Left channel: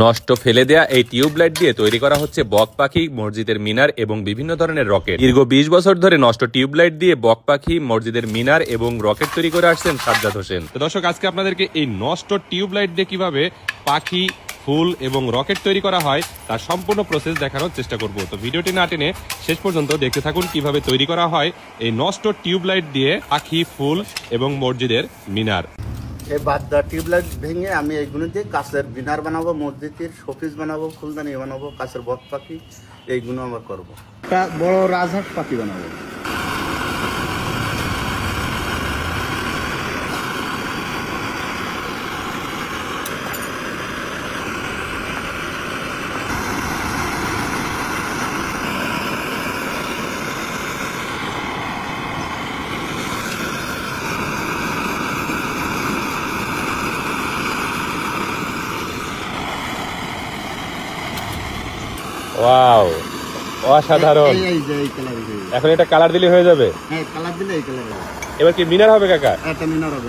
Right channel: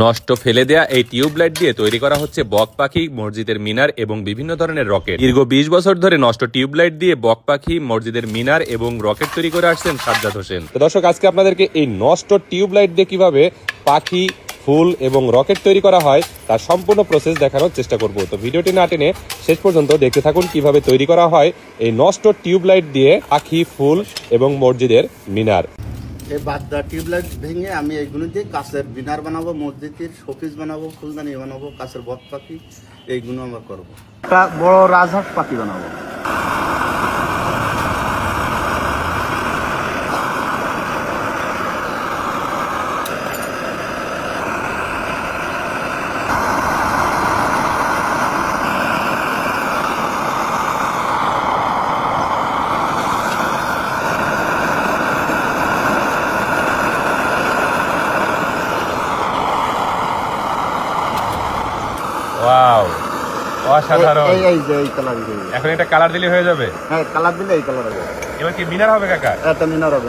নষ্ট ফেলে দেয়া এই টিউবলাইট দিয়ে তৈরি করা হচ্ছে বক পাখি, মসজিদের মিনার এবং বিভিন্ন ধরনের রকেট। দীর্ঘ 20 বছর ধরে নষ্ট টিউবলাইট দিয়ে বক পাখি, মসজিদের মিনার এবং রকেট তৈরি করে আসছেন সাজ্জাদ হোসেন। তো দর্শক, আজকে আপনাদেরকে এই নষ্ট টিউবলাইট দিয়ে কিভাবে পাখি, ফুল এবং রকেট তৈরি করা হয় তার সম্পূর্ণ প্রসেস দেখানোর চেষ্টা করব। তো ভিডিওটি না টেনে শেষ পর্যন্ত দেখতে থাকুন কিভাবে তৈরি করা হয় এই নষ্ট টিউবলাইট দিয়ে পাখি, ফুল এবং মসজিদের মিনার। এই বাদদা টিউবলাইট ভেঙে আমি এইগুলো দিয়ে কাছের মিনার বানাবো, মসজিদের শোপিস বানাবো, ফুলদানি বানাবো, কাছের বক পাখি এইগুলো আমরা করবো। একটা বড় রাজহাঁস পাখি বানাবো। এখন এটা কালার দিলে হয়ে যাবে? হ্যাঁ, কালার দিলে এই কালার হবে। এবার কি মিনার হবে কাকা? একটা মিনার হবে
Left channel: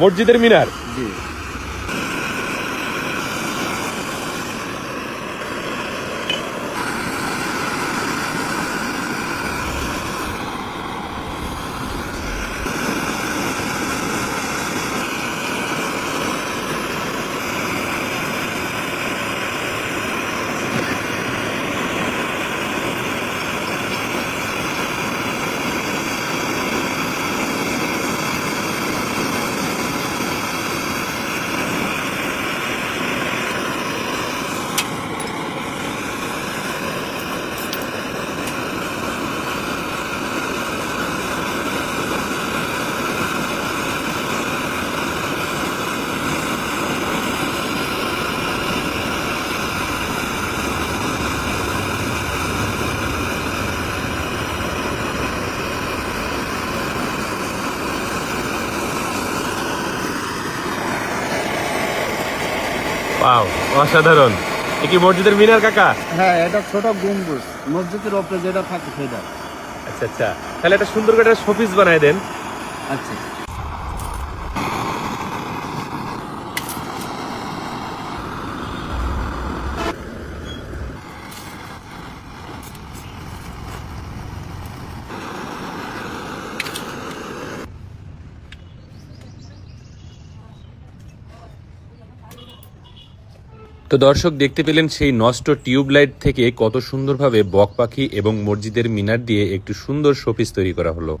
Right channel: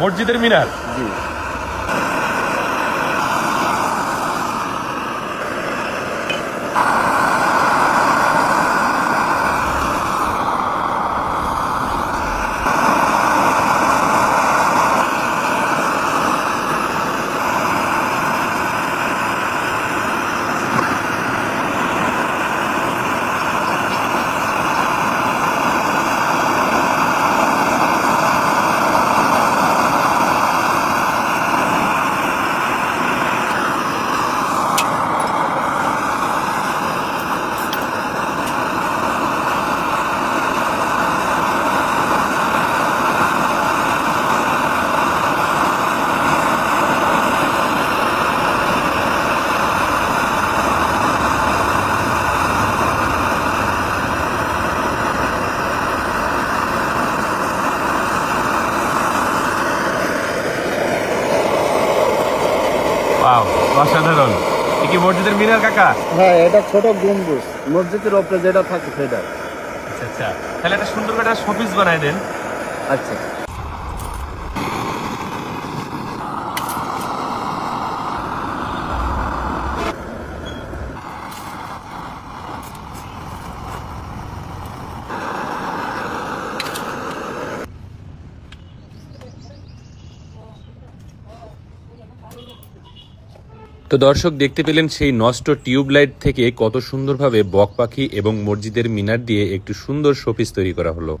মসজিদের মিনার। জি। অসাধারণ। কি মসজিদের মিনার কাকা? হ্যাঁ, এটা ছোট গম্বুজ, মসজিদের উপরে যেটা থাকে সেটা। আচ্ছা আচ্ছা, তাহলে একটা সুন্দর করে শোপিস বানাই দেন। আচ্ছা। তো দর্শক, দেখতে পেলেন সেই নষ্ট টিউবলাইট থেকে কত সুন্দরভাবে বক পাখি এবং মসজিদের মিনার দিয়ে একটু সুন্দর শোপিস তৈরি করা হলো।